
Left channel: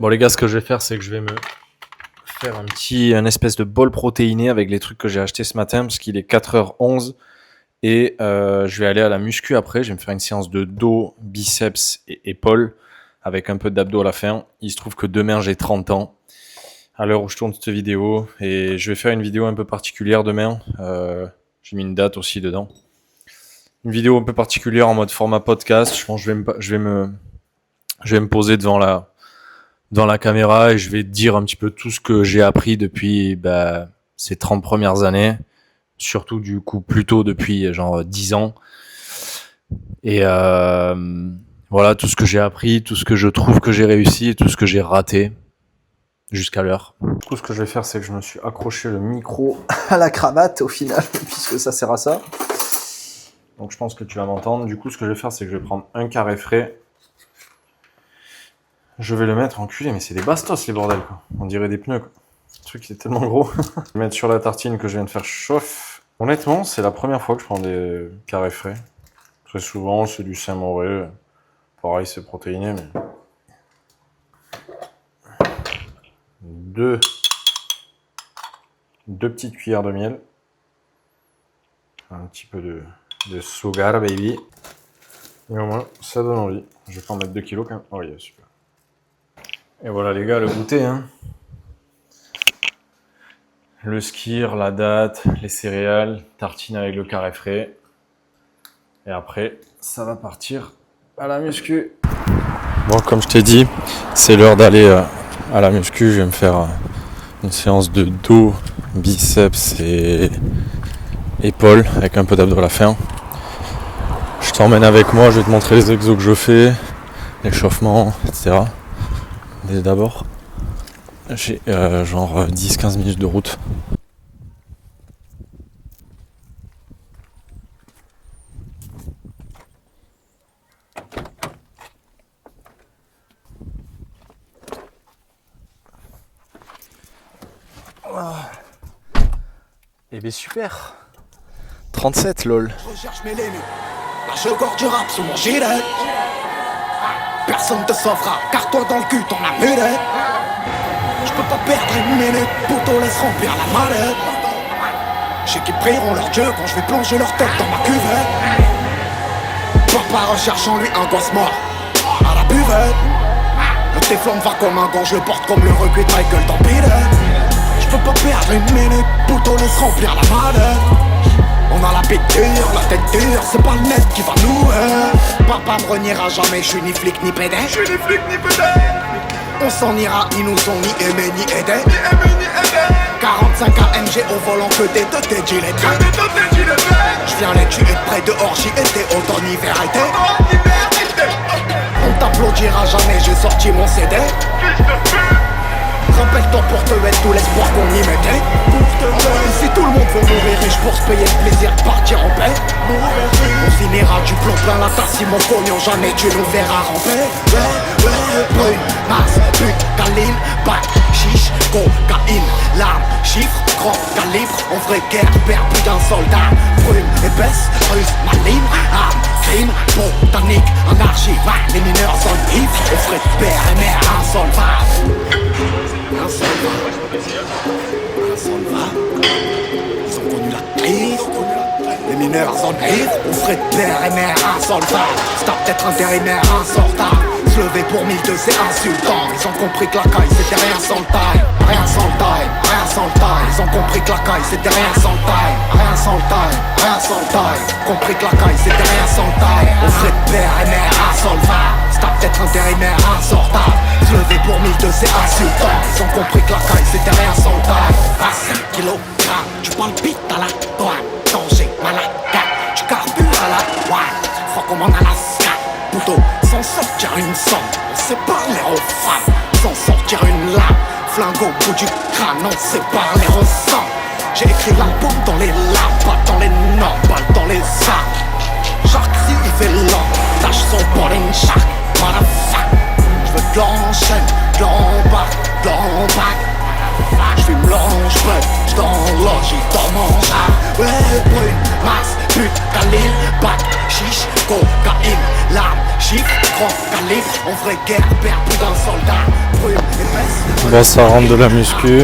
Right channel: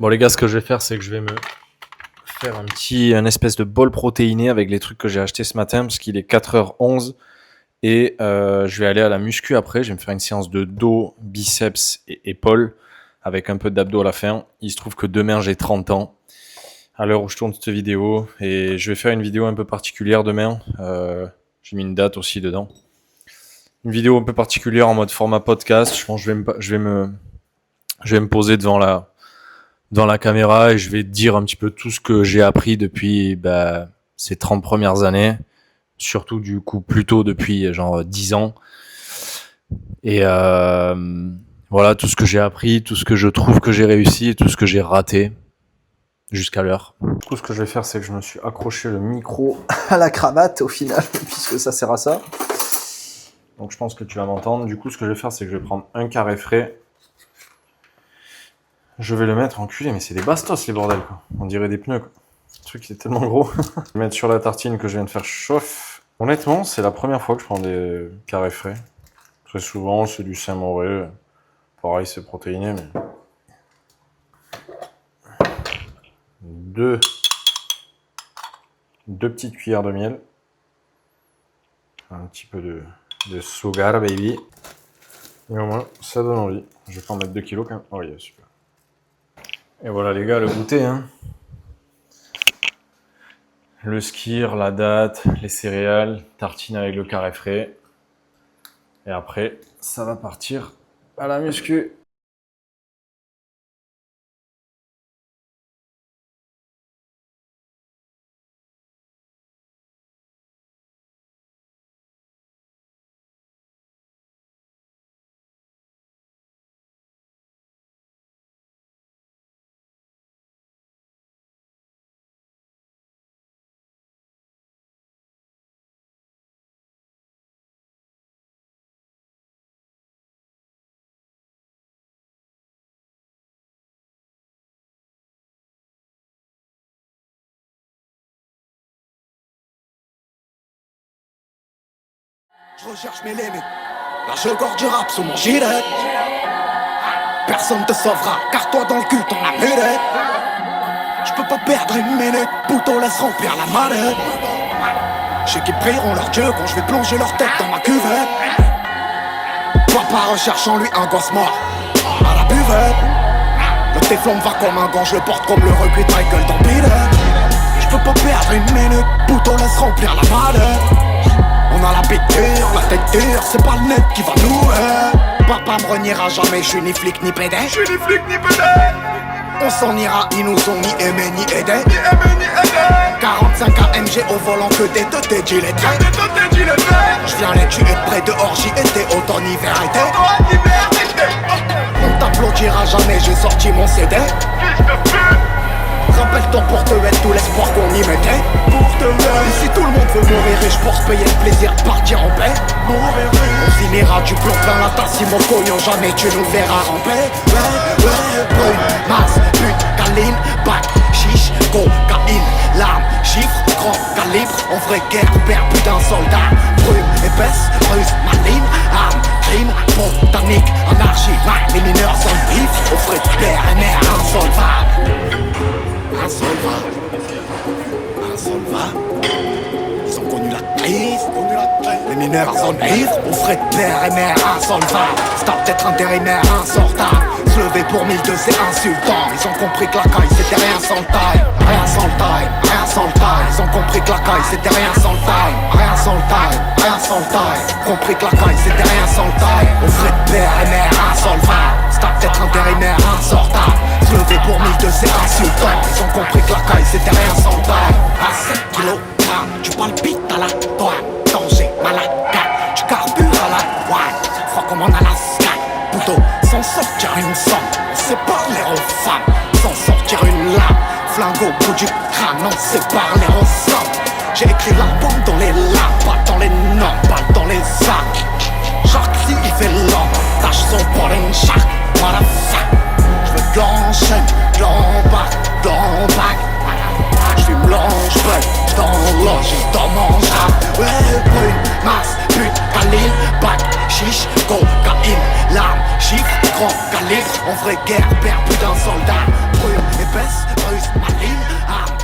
Bon les gars, ce que je vais faire, c'est que je vais me faire un espèce de bol protéiné avec les trucs que j'ai achetés ce matin, parce qu'il est 4h11 Et je vais aller à la muscu après. Je vais me faire une séance de dos, biceps et épaules avec un peu d'abdos à la fin. Il se trouve que demain, j'ai 30 ans à l'heure où je tourne cette vidéo. Et je vais faire une vidéo un peu particulière demain. J'ai mis une date aussi dedans. Une vidéo un peu particulière en mode format podcast. Je pense que je vais me poser devant la caméra et je vais dire un petit peu tout ce que j'ai appris depuis ces 30 premières années. Surtout du coup plutôt depuis genre 10 ans. Et voilà tout ce que j'ai appris, tout ce que je trouve que j'ai réussi et tout ce que j'ai raté jusqu'à l'heure. Du coup ce que je vais faire c'est que je me suis accroché le micro à la cravate au final puisque ça sert à ça. Donc je pense que tu vas m'entendre. Du coup ce que je vais faire c'est que je vais prendre un carré frais. Je vais le mettre enculé mais c'est des bastos les bordels quoi. On dirait des pneus quoi. Le truc il est tellement gros. Je vais mettre sur la tartine que je viens de faire chauffe. Honnêtement, c'est la première fois que je prends des carrés frais. Très souvent, c'est du Saint-Moré. Pareil, c'est protéiné, mais... Deux petites cuillères de miel. Un petit peu de sugar, baby. Et au moins, ça donne envie. Je vais pas en mettre 2 kilos quand même. Oh, yeah, super. Et voilà les gars, le goûter, hein. Le skyr, la date, les céréales, tartine avec le carré frais. Et après, ça va partir à la muscu. Bon, comme je t'ai dit, c'est l'heure d'aller à la muscu. Je vais me faire une séance de dos, biceps et épaules avec un peu d'abdos à la fin. Je t'emmène avec moi, je vais te montrer les exos que je fais, l'échauffement, etc. Dès d'abord. J'ai genre 10-15 minutes de route. Et bien super. 37 lol. Je recherche mes limites. Là je gorge du rap sous mon gilet. Personne te sauvera, car toi dans le cul t'en as mulet. Je peux pas perdre une minute, pouto laisse remplir la mallette. Je sais qu'ils prieront leur dieu quand je vais plonger leur tête dans ma cuvette. Papa recherche en lui un gosse mort à la buvette. Le téflon va comme un gant, je le porte comme le recuit de Michael dans Billet. Je peux pas perdre une minute, pouto laisse remplir la mallette. On a la bite dure, la tête dure, c'est pas le net qui va nous Papa me reniera jamais, je suis ni flic ni pédé. Je suis ni flic ni pédé. On s'en ira, ils nous ont ni aimé ni aidé. 45 AMG au volant que des deux tes gilets. Je viens les tuer de près dehors, j'y étais automne, hiver, été. On t'applaudira jamais, j'ai sorti mon CD. Rappelle-toi pour te mettre tout l'espoir qu'on y mettait. Si tout le monde veut mourir riche pour se payer le plaisir de partir en paix, on finira du plomb plein la tasse si mon cognon jamais tu nous verras ramper. Brune, masse, pute, câline, bac, chiche, cocaïne, larmes, chiffres, grand calibre. En vraie guerre, perd plus d'un soldat. Brume, épaisse, ruse, maligne, arme, crime, botanique, anarchie. Les mineurs sont vifs, au frais de père et mère insolvable. Insolvable. Ils ont connu la crise. Les mineurs sont naïfs, au frais de père et mère insolvable. Stop d'être intérimaire insortable. Se lever pour 1002 c'est insultant. Ils ont compris que la caille c'était rien sans le time. Rien sans le time, rien sans le time. Ils ont compris que la caille c'était rien sans le time. Rien sans le time, rien sans le time. Compris que la caille c'était rien sans le time. Au frais de père et mère insolvable. Stop d'être intérimaire insortable. Se lever pour 1002 c'est insultant. Ils ont compris que la caille c'était rien sans le time. À 7 kilogrammes, tu palpites à la douane. Danger, malade, tu carbures à la douane. Froid comme en Alaska. Poutot, sans sortir une somme, on sait parler aux femmes. Sans sortir une lame, flingue au bout du crâne, on sait parler aux sommes. J'ai écrit l'album dans les larmes, pas dans les normes, balle dans les armes. Shark si il fait l'homme, tâche son boring shark, motherfuck. J'veux de l'enchaîne, de l'embarque, de l'embarque. J'fume l'ange, j't'enloge, j'dors mon rap. Ouais, brune, masse, pute, calibre, bac, chiche, cocaïne, larmes, chiffres, grand calibre. En vraie guerre, perd plus d'un soldat. Brume, épaisse, là ça rentre de la muscu.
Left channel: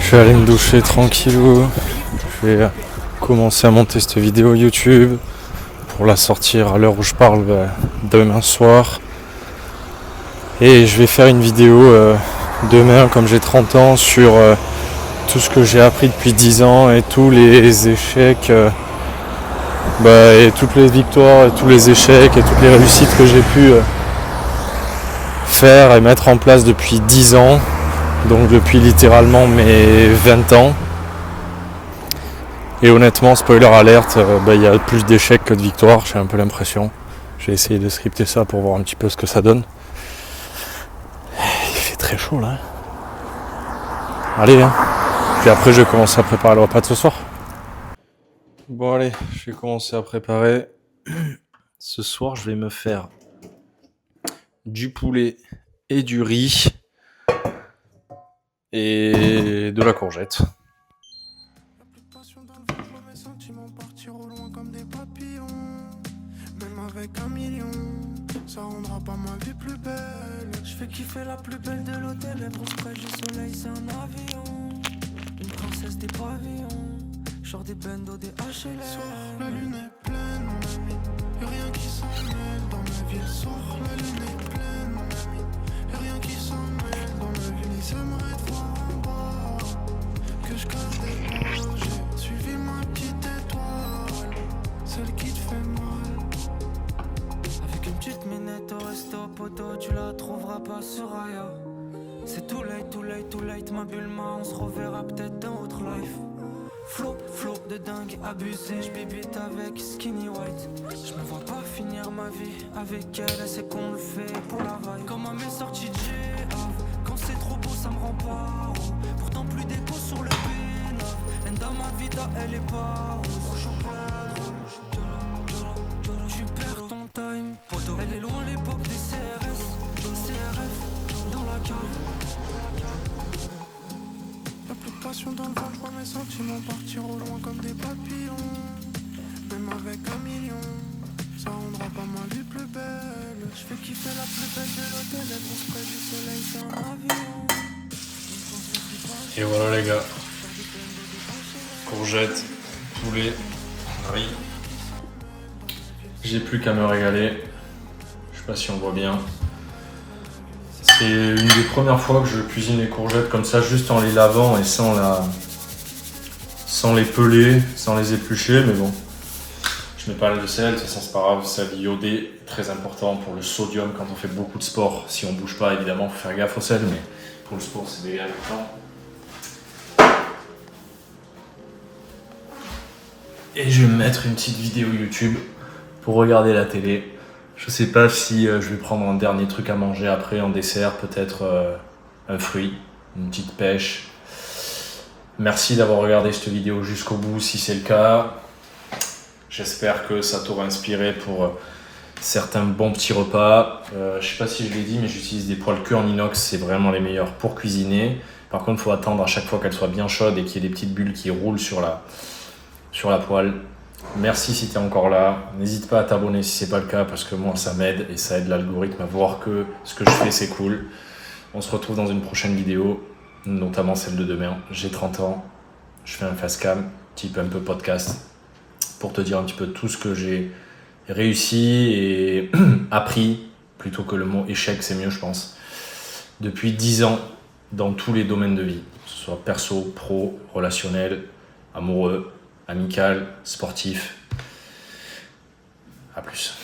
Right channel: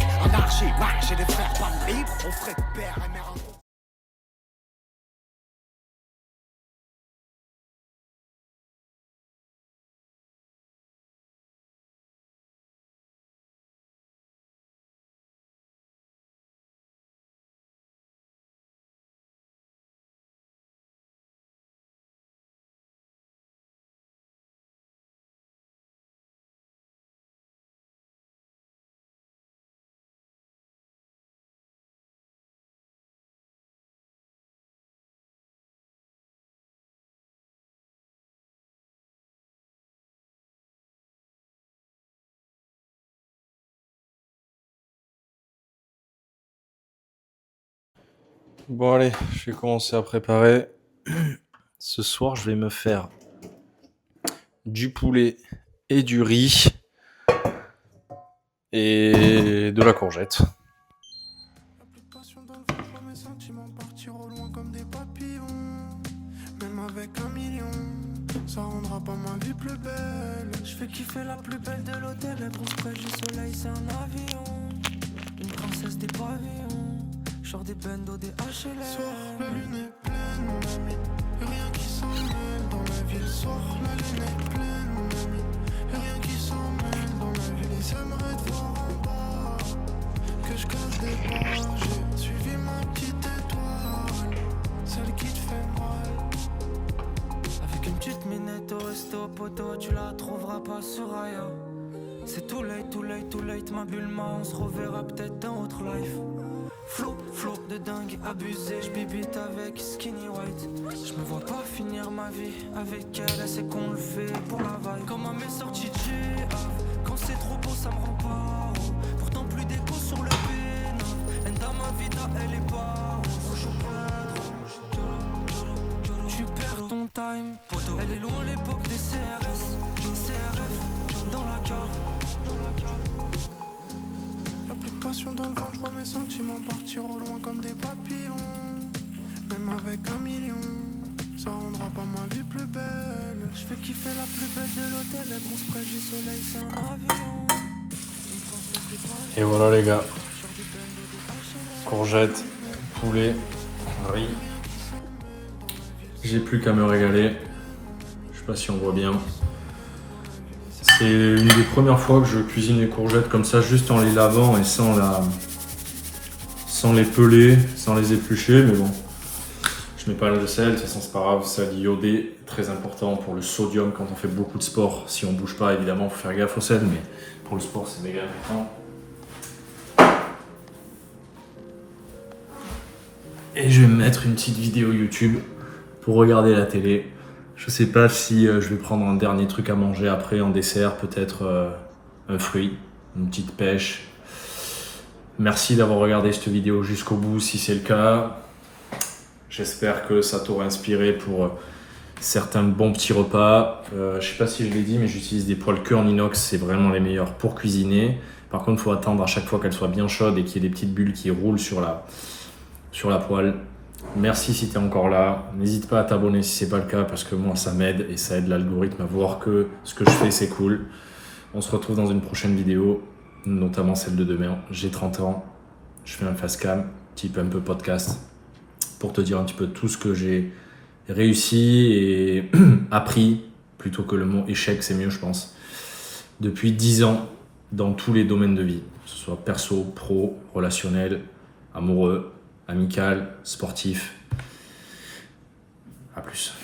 Je suis allé me doucher tranquillou. Je vais commencer à monter cette vidéo YouTube pour la sortir à l'heure où je parle demain soir. Et je vais faire une vidéo demain, comme j'ai 30 ans, sur tout ce que j'ai appris depuis 10 ans et tous les échecs, et toutes les victoires et tous les échecs et toutes les réussites que j'ai pu faire et mettre en place depuis 10 ans, donc depuis littéralement mes 20 ans. Et honnêtement, spoiler alerte, il y a plus d'échecs que de victoires, j'ai un peu l'impression. J'ai essayé de scripter ça pour voir un petit peu ce que ça donne. Il fait très chaud là. Allez, hein. Puis après je vais commencer à préparer le repas de ce soir. Bon allez, je vais commencer à préparer. Ce soir je vais me faire du poulet et du riz et de la courgette. Y'a plus de passion dans le ventre, je vois mes sentiments partir au loin comme des papillons. Même avec 1 million, ça rendra pas ma vie plus belle. Je fais kiffer la plus belle de l'hôtel, elle bronze près du soleil, c'est un avion. Une princesse des pavillons, genre des bendos, des HLM. La lune est pleine, mon ami, y'a rien qui s'en mêle dans la ville. Soir, la lune est pleine, mon ami, y'a rien qui s'en mêle dans la ville. Ils aimeraient te voir en bas, que je casse des bras. J'ai suivi ma petite étoile, celle qui te fait mal. Avec une petite minette au resto, poto, tu la trouveras pas sur Aya. C'est too late, too late, too late, ma Bulma, on se reverra peut-être dans autre life. Flow de dingue, abusé, j'bibite avec Skinny White. Je me vois pas finir ma vie avec elle, c'est qu'on le fait pour la vibe. Comme à mes sorties de GAV, quand c'est trop beau ça me rend pas haut. Pourtant plus d'écho sur le B9, Enda ma vida elle est pas rose. Tu perds ton time, poto. Elle est loin l'époque des CRS, CRF dans la cave. Y'a plus de passion dans le ventre, je vois mes sentiments partir au loin comme des papillons. Même avec 1 million, ça rendra pas ma vie plus belle. Je fais kiffer la plus belle de l'hôtel, elle bronze près du soleil, c'est un avion. Une princesse des pavillons, Et voilà les gars, genre des bendos, des HLM. courgettes, poulet, riz. J'ai plus qu'à me régaler. Je sais pas si on voit bien. C'est une des premières fois que je cuisine les courgettes comme ça, juste en les lavant et sans les peler, sans les éplucher, mais bon. Je mets pas de sel, de toute façon c'est pas grave, sel iodé, très important pour le sodium quand on fait beaucoup de sport. Si on bouge pas, évidemment, faut faire gaffe au sel, mais pour le sport c'est méga important. Et je vais me mettre une petite vidéo YouTube pour regarder la télé. Je sais pas si je vais prendre un dernier truc à manger après en dessert, peut-être un fruit, une petite pêche. Merci d'avoir regardé cette vidéo jusqu'au bout si c'est le cas. J'espère que ça t'aura inspiré pour certains bons petits repas. Je sais pas si je l'ai dit, mais j'utilise des poêles queue en inox, c'est vraiment les meilleurs pour cuisiner. Par contre, il faut attendre à chaque fois qu'elles soient bien chaudes et qu'il y ait des petites bulles qui roulent sur la poêle. Merci si tu es encore là. N'hésite pas à t'abonner si c'est pas le cas parce que moi ça m'aide et ça aide l'algorithme à voir que ce que je fais c'est cool. On se retrouve dans une prochaine vidéo, notamment celle de demain. J'ai 30 ans, je fais un facecam, type un peu podcast, pour te dire un petit peu tout ce que j'ai réussi et appris, plutôt que le mot échec c'est mieux je pense, depuis 10 ans dans tous les domaines de vie, que ce soit perso, pro, relationnel, amoureux, amical, sportif. À plus.